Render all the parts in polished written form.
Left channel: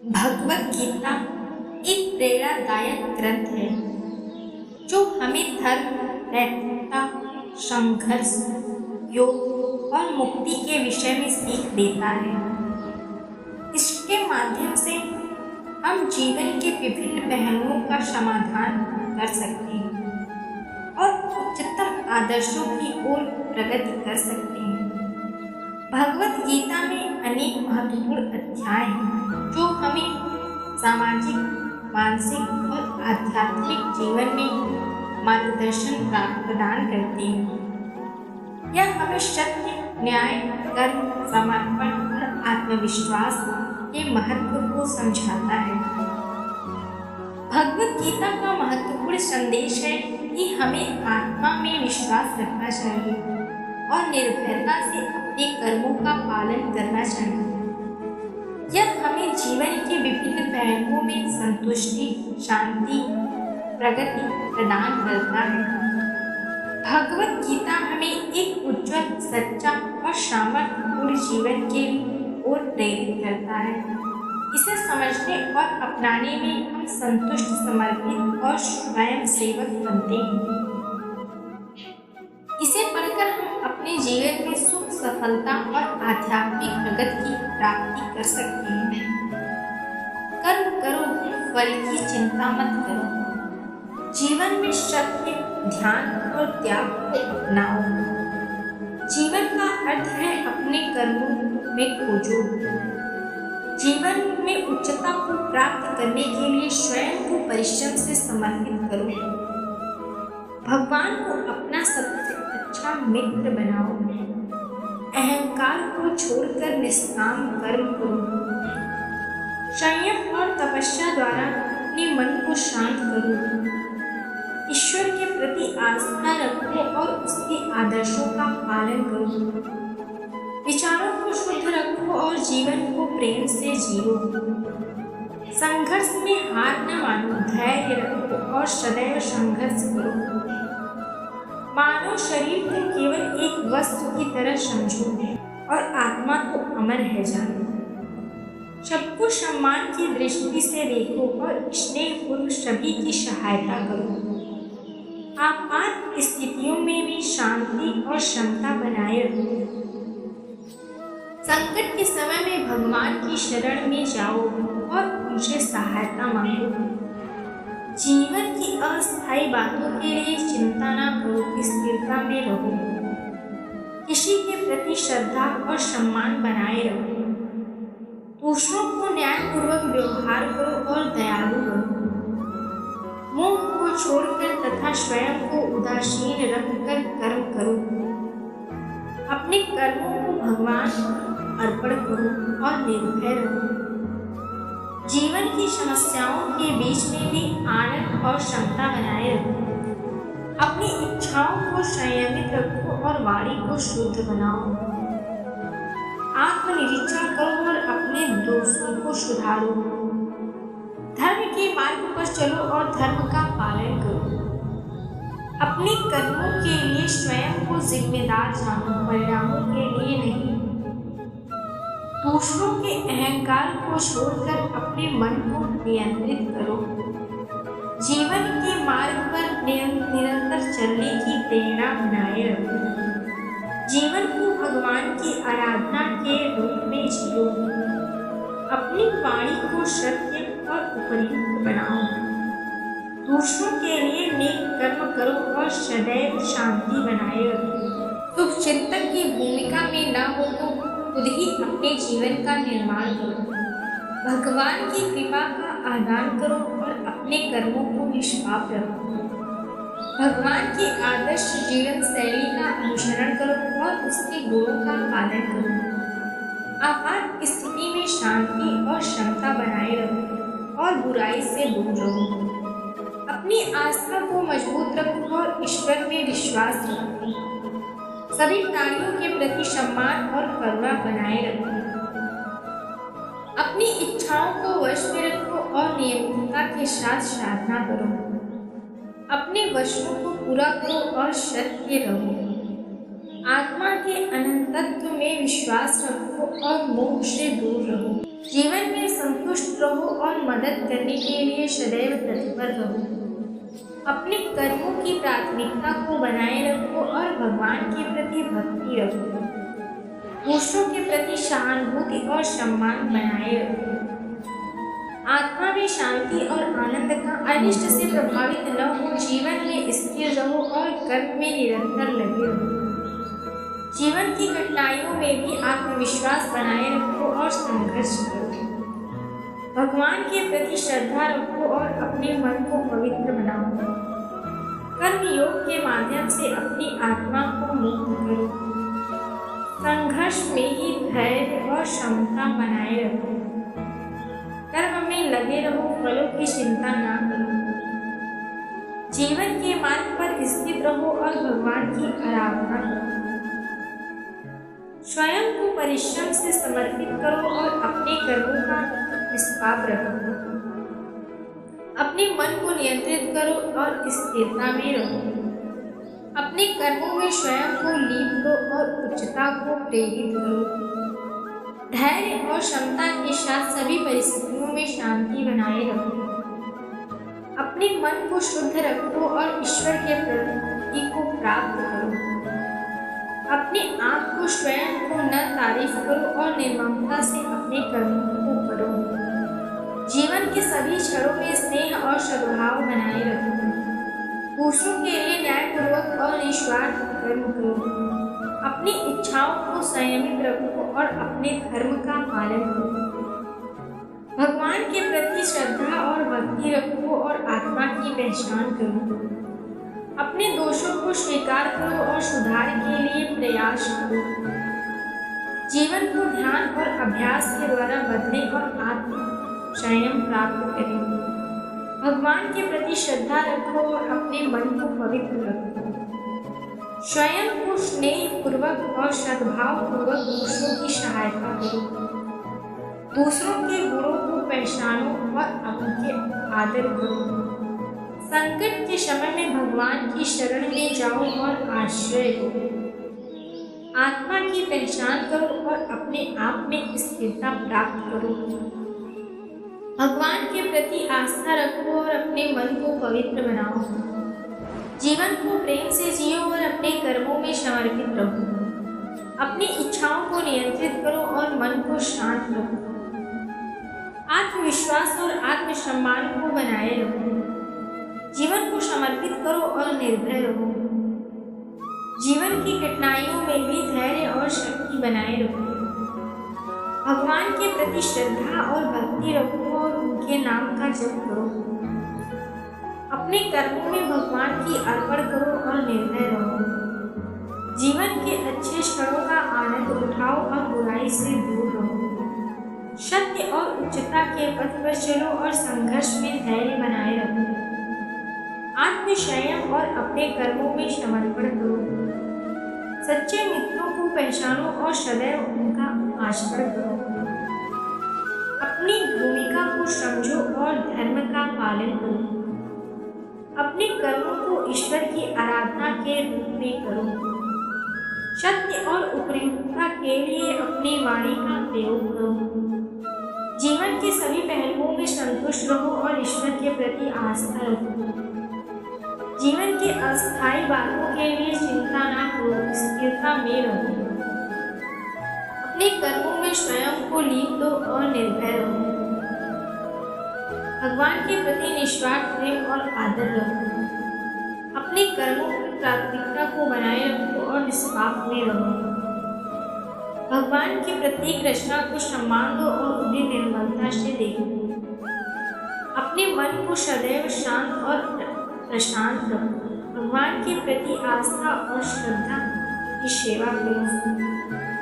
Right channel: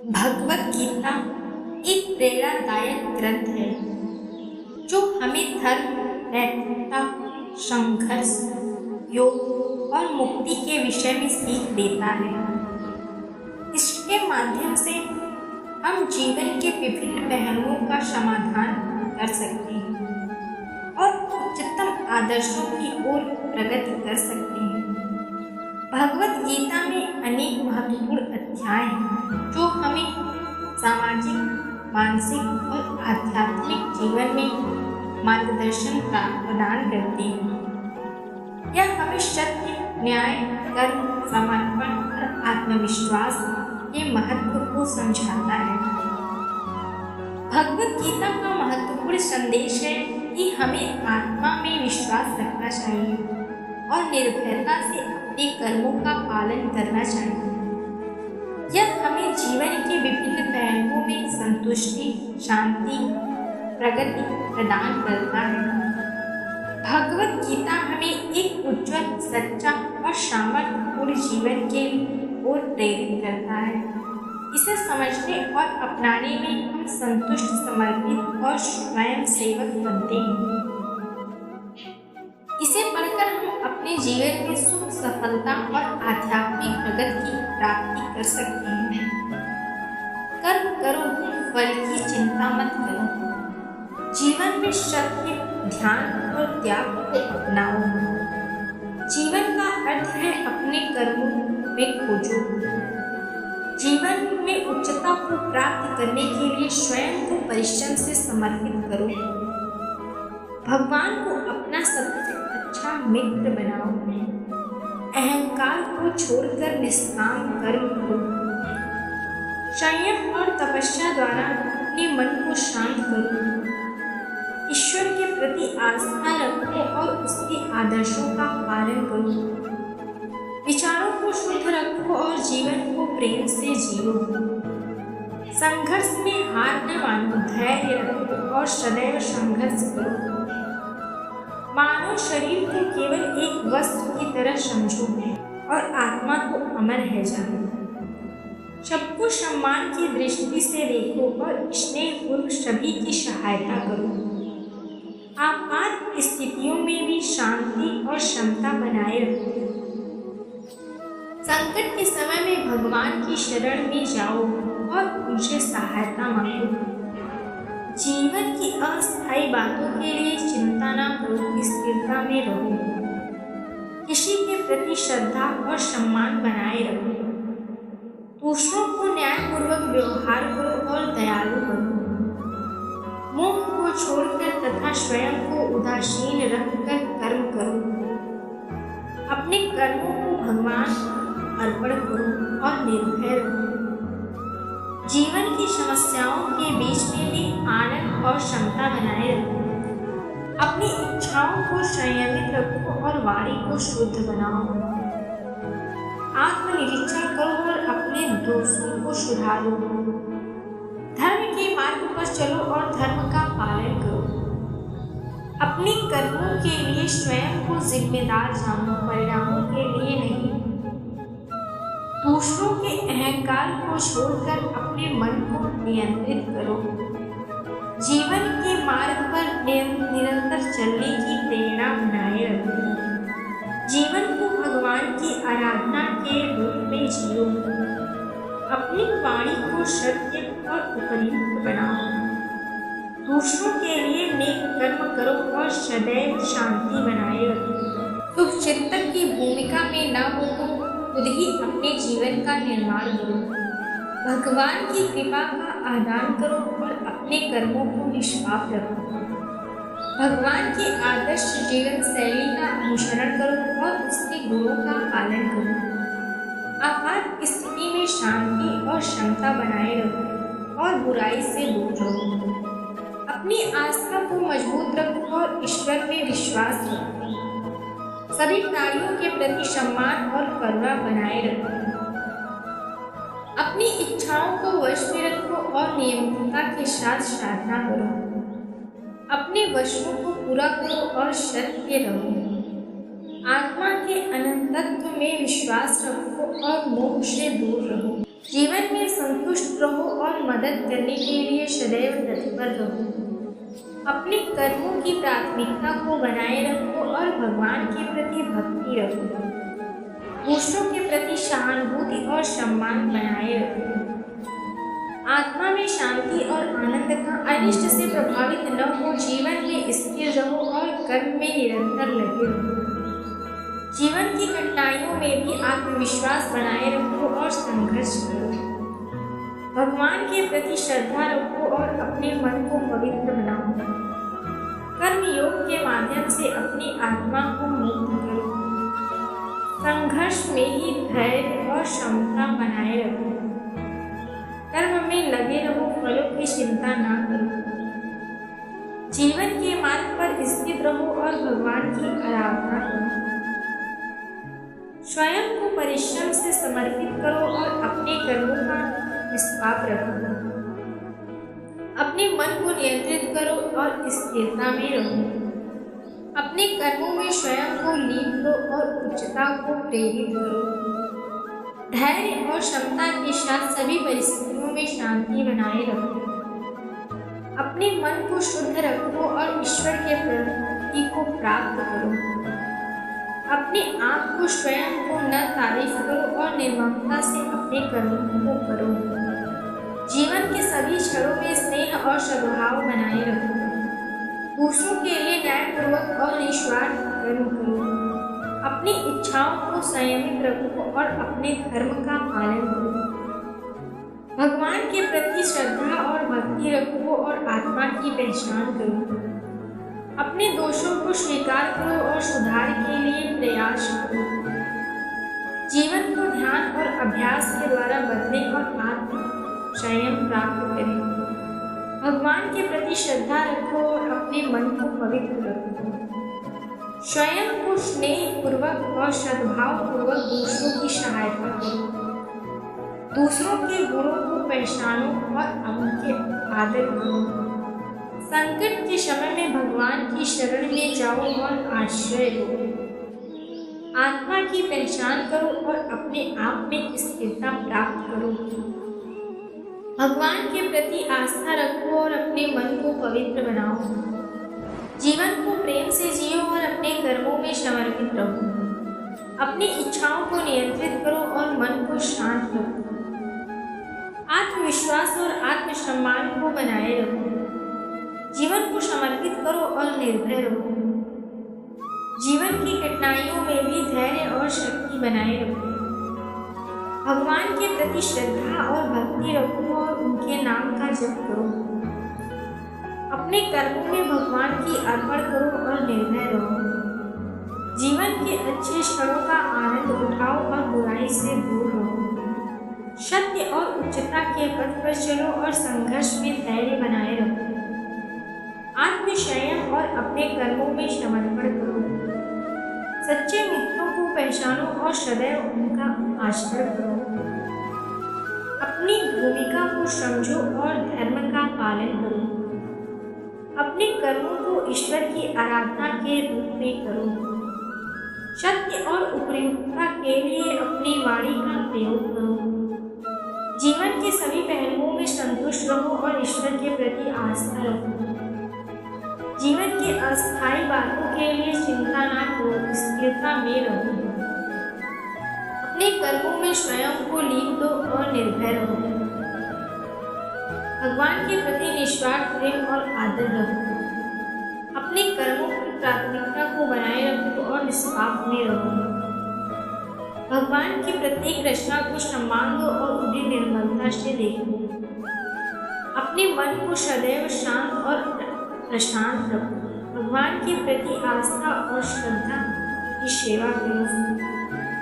भगवत गीता एक प्रेरणादायक ग्रंथ है जो हमें धर्म, नैतिकता, संघर्ष, योग और मुक्ति के विषय में सीख देता है। इसके माध्यम से हम जीवन के विभिन्न पहलुओं का समाधान कर सकते हैं और उच्चतम आदर्शों की ओर प्रगति कर सकते हैं। भगवत गीता में अनेक महत्वपूर्ण अध्याय हैं जो हमें सामाजिक, मानसिक और आध्यात्मिक जीवन में मार्गदर्शन प्रदान करते हैं। यह हमें सत्य, न्याय, कर्म, समर्पण और आत्मविश्वास के महत्व को समझाता है। भगवत गीता का महत्वपूर्ण संदेश है कि हमें आत्मा में विश्वास रखना चाहिए और निर्भयता से अपने कर्मों का पालन करना चाहिए। यह हमें जीवन के विभिन्न पहलुओं में संतुष्टि, शांति, प्रगति प्रदान करता है। भगवत गीता हमें एक उज्जवल, सच्चा और सामर्थ्यपूर्ण जीवन के ओर प्रेरित करता है। इसे समझने और अपनाने में हम संतुष्ट, समर्पित और स्वयं सेवक बनते हैं। इसे पढ़कर हम अपने जीवन में सुख, सफलता और आध्यात्मिक प्रगति की प्राप्ति कर सकते हैं। कर्म करो, फल की चिंता मत करो। जीवन में सत्य, ध्यान और त्याग को अपनाओ। जीवन का अर्थ है अपने कर्मों में खोजो। जीवन में उच्चता को प्राप्त करने के लिए स्वयं को परिश्रम से समर्पित करो। भगवान को अपना सबसे अच्छा मित्र बनाओ। अहंकार को छोड़कर निष्काम कर्म करो। संयम और तपस्या द्वारा अपने मन को शांत करो। ईश्वर के प्रति आस्था रखो और उसके आदर्शों का पालन करो। विचारों को शुद्ध रखो और जीवन को प्रेम से जियो। संघर्ष में हार न मानो, धैर्य रखो और सदैव संघर्ष करो। मानव शरीर को केवल एक वस्त्र की तरह समझो और आत्मा तो अमर है जानो। सबको सम्मान की दृष्टि से देखो और स्नेहपूर्वक सभी की सहायता करो। आपात स्थितियों में भी शांति और क्षमता बनाए रखो। संकट के समय में भगवान की शरण में जाओ और उनसे सहायता मांगो। जीवन की अस्थायी बातों के लिए चिंता न करो, स्थिरता में रहो। किसी के प्रति श्रद्धा और सम्मान बनाए रखो। दूसरों को न्यायपूर्वक व्यवहार करो और दयालु बनो। मोह को छोड़कर तथा स्वयं को उदासीन रखकर कर्म करो। अपने कर्मों को भगवान अर्पण करो और निर्भय रहो। जीवन की समस्याओं के बीच में भी आनंद और क्षमता बनाए रखो। अपनी इच्छाओं को संयमित रखो और वाणी को शुद्ध बनाओ। आत्मनिरीक्षण करो और अपने दोषों को सुधारो। धर्म के मार्ग पर चलो और धर्म का पालन करो। अपने कर्मों के लिए स्वयं को जिम्मेदार जानो, परिणामों के लिए नहीं। दूसरों के अहंकार को छोड़कर अपने मन को नियंत्रित करो। जीवन के मार्ग पर निरंतर चलने की प्रेरणा बनाए रखो। जीवन को भगवान की आराधना के रूप में जियो। अपनी वाणी को सत्य और उपयुक्त बनाओ। दूसरों के लिए नेक कर्म करो और सदैव शांति बनाए रखो। शुभ चिंतक की भूमिका में न हो तो खुद ही अपने जीवन का निर्माण करो। भगवान की कृपा का आदान करो और अपने कर्मों को निष्पाप रखो। भगवान के आदर्श जीवन शैली का अनुसरण करो और उसके गुणों का पालन करो। आपात स्थिति में शांति और क्षमता बनाए रखो और बुराई से दूर रहो। अपनी आस्था को मजबूत रखो और ईश्वर में विश्वास रखो। सभी प्राणियों के प्रति सम्मान और करुणा बनाए रखो। अपनी इच्छाओं को वश में रखो और नियमितता के साथ साधना करो। अपने वचनों को पूरा करो और सत्य रहो। आत्मा के अनंतत्व में विश्वास रखो और मोह से दूर रहो। जीवन में संतुष्ट रहो और मदद करने के लिए सदैव तत्पर रहो। अपने कर्मों की प्राथमिकता को बनाए रखो और भगवान के प्रति भक्ति रखो। दूसरों के प्रति सहानुभूति और सम्मान बनाए रखो। आत्मा में शांति और आनंद का अनिष्ट से प्रभावित न हो। जीवन में स्थिर रहो और कर्म में निरंतर लगे रहो। जीवन की कठिनाइयों में भी आत्मविश्वास बनाए रखो और संघर्ष करो। भगवान के प्रति श्रद्धा रखो और अपने मन को पवित्र बनाओ। कर्म योग के माध्यम से अपनी आत्मा को मुक्त करो। संघर्ष में ही धैर्य और क्षमता बनाए रखो। कर्म में लगे रहो, फलों की चिंता ना करो। जीवन के मार्ग पर स्थित रहो और भगवान की आराधना करो। स्वयं को परिश्रम से समर्पित करो और अपने कर्मों का निष्पाप रखो। अपने मन को नियंत्रित करो और स्थिरता में रहो। अपने कर्मों में स्वयं को लीप दो और उच्चता को प्रेरित करो। धैर्य और क्षमता के साथ सभी परिस्थितियों में शांति बनाए रखो। अपने मन को शुद्ध रखो और ईश्वर के प्रति को प्राप्त करो। अपने आप को स्वयं को न तारीफ करो और निर्ममता से अपने कर्मों को करो। जीवन के सभी क्षणों में स्नेह और सद्भाव बनाए रखो। दूसरों के लिए न्यायपूर्वक और निस्वार्थ कर्म करो। अपनी इच्छाओं को संयमित रखो और अपने धर्म का पालन करो। भगवान के प्रति श्रद्धा और भक्ति रखो और आत्मा की पहचान करो। अपने दोषों को स्वीकार करो और सुधार के लिए प्रयास करो। जीवन को ध्यान और अभ्यास के द्वारा बदलें और आत्म संयम प्राप्त करें। भगवान के प्रति श्रद्धा रखो और अपने मन को पवित्र रखो। स्वयं को स्नेह पूर्वक और सद्भाव पूर्वक दूसरों की सहायता करो। दूसरों के गुणों को पहचानो और उनके आदर करो। संकट के समय में भगवान की शरण में जाओ और आश्रय लो। आत्मा की पहचान करो और अपने आप में स्थिरता प्राप्त करो। भगवान के प्रति आस्था रखो और अपने मन को पवित्र बनाओ। जीवन को प्रेम से जियो और अपने कर्मों में समर्पित रहो। अपनी इच्छाओं को नियंत्रित करो और मन को शांत रखो। आत्मविश्वास और आत्मसम्मान को बनाए रखो। जीवन को समर्पित करो और निर्भय रहो। जीवन की कठिनाइयों में भी धैर्य और शक्ति बनाए रखो। भगवान के प्रति श्रद्धा और भक्ति रखो और उनके नाम का जप करो। अपने कर्मों में भगवान की अर्पण करो और निर्भय रहो। जीवन के अच्छे क्षणों का आनंद उठाओ और बुराई से दूर रहो। सत्य और उच्चता के पथ पर चलो और संघर्ष में धैर्य बनाए रखो। आत्मसंयम और अपने कर्मों में समर्पण करो। सच्चे मित्रों को पहचानो और सदैव उनका आचरण करो। अपनी भूमिका को समझो और धर्म का पालन करो। अपने कर्मों को ईश्वर की आराधना के रूप में करो। सत्य और उपयुक्तता के लिए अपनी वाणी का प्रयोग करो। जीवन के सभी पहलुओं में संतुष्ट रहो और ईश्वर के प्रति आस्था रखो। जीवन के अस्थायी बातों के लिए चिंता ना करो, स्थिरता में रहो। अपने कर्मों में स्वयं को लीप दो और निर्भय रहो। भगवान के प्रति निस्वार्थ प्रेम और आदर रखो। अपने कर्मों की प्राथमिकता को बनाए रखो और निष्पाप में रहो। भगवान की प्रत्येक रचना को सम्मान दो और उन्हें निर्मलता से देखो। अपने मन को सदैव शांत और प्रशांत रखो। भगवान के प्रति आस्था और श्रद्धा की सेवा करो।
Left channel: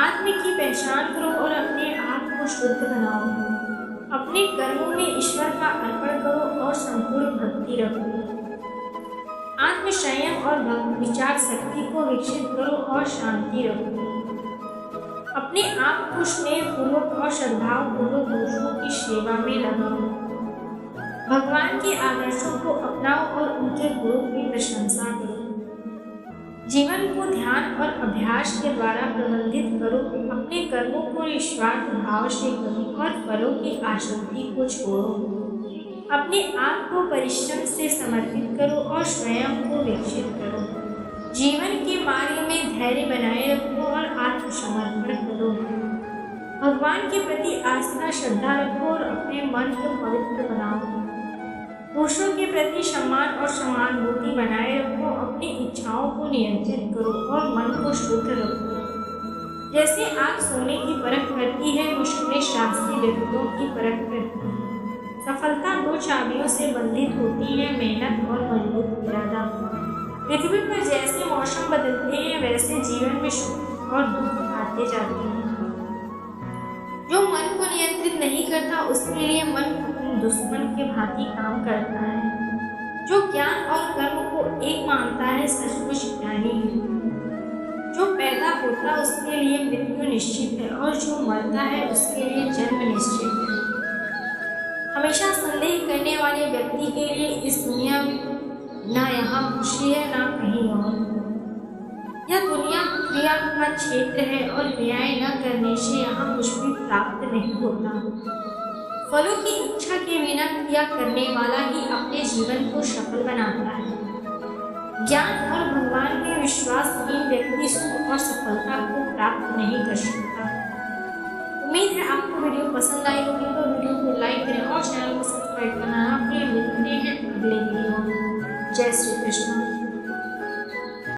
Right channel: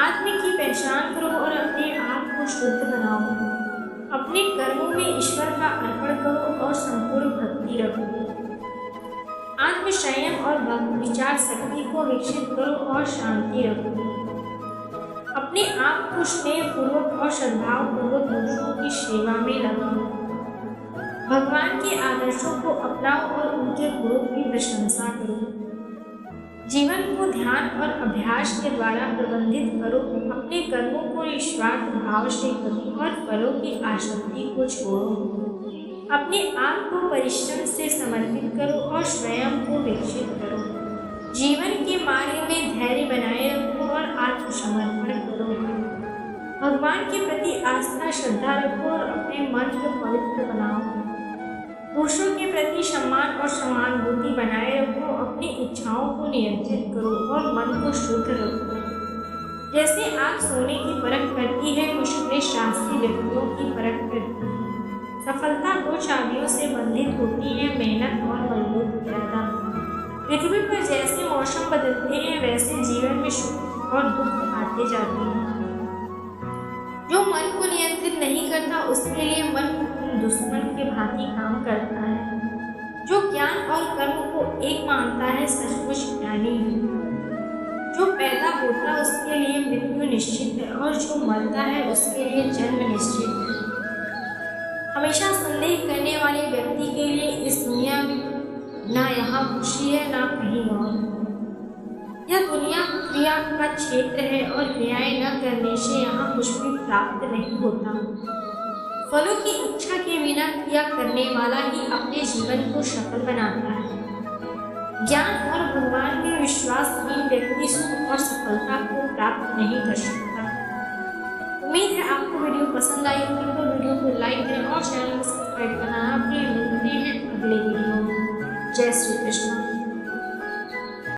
आत्म की पहचान करो और अपने आप को शुद्ध बनाओ। अपने कर्मों में ईश्वर का अर्पण करो और संपूर्ण भक्ति रखो। आत्म संयम और विचार शक्ति को विकसित करो और शांति रखो। अपने आप को स्नेह पूर्वक और सद्भाव पूर्वक दूसरों की सेवा में लगाओ। भगवान के आदर्शों को अपनाओ और उनके गुणों की प्रशंसा करो। जीवन को ध्यान और अभ्यास के द्वारा प्रबंधित करो। अपने कर्मों को निस्वार्थ भाव से करो और फलों की आसक्ति को छोड़ो। अपने आप को परिश्रम से समर्पित करो और स्वयं को विकसित करो। जीवन के मार्ग में धैर्य बनाए रखो और आत्मसमर्पण करो। भगवान के प्रति आस्था श्रद्धा रखो और अपने मन को पवित्र बनाओ। दूसरों के प्रति सम्मान और सहानुभूति बनाए रखो। अपनी इच्छाओं को नियंत्रित करो और मन को शुद्ध रखो। जैसे आग सोने की परख करती है, मुश्किलें साहसी व्यक्तियों की परख करती है। सफलता दो चाबियों से बंधित होती है, मेहनत और मजबूत इरादा। पृथ्वी पर जैसे मौसम बदलते हैं, वैसे जीवन में सुख और दुख आते जाते हैं। जो मन को नियंत्रित नहीं करता, उसके लिए मन अपने दुश्मन के भांति काम करता है। जो ज्ञान और कर्म को एक मानता है, सचमुच ज्ञानी है। जो पैदा होता है, उसके लिए मृत्यु निश्चित है और जो मरता है, उसके लिए जन्म निश्चित है। हमेशा संदेह करने वाले व्यक्ति के लिए इस दुनिया में ना यहाँ खुशी है, ना कहीं और। यह दुनिया क्रिया का क्षेत्र है और क्रियाएं न करने से यहाँ कुछ भी प्राप्त नहीं होता। फलों की इच्छा के बिना क्रिया करने वाला ही अपने जीवन को सफल बनाता है। ज्ञान और भगवान में विश्वासहीन व्यक्ति सुख और सफलता को प्राप्त नहीं कर सकता। उम्मीद है आपको वीडियो पसंद आई होगी, तो वीडियो को लाइक करें और चैनल को सब्सक्राइब करना ना भूलें। मिलते हैं अगले वीडियो में। जय श्री कृष्ण।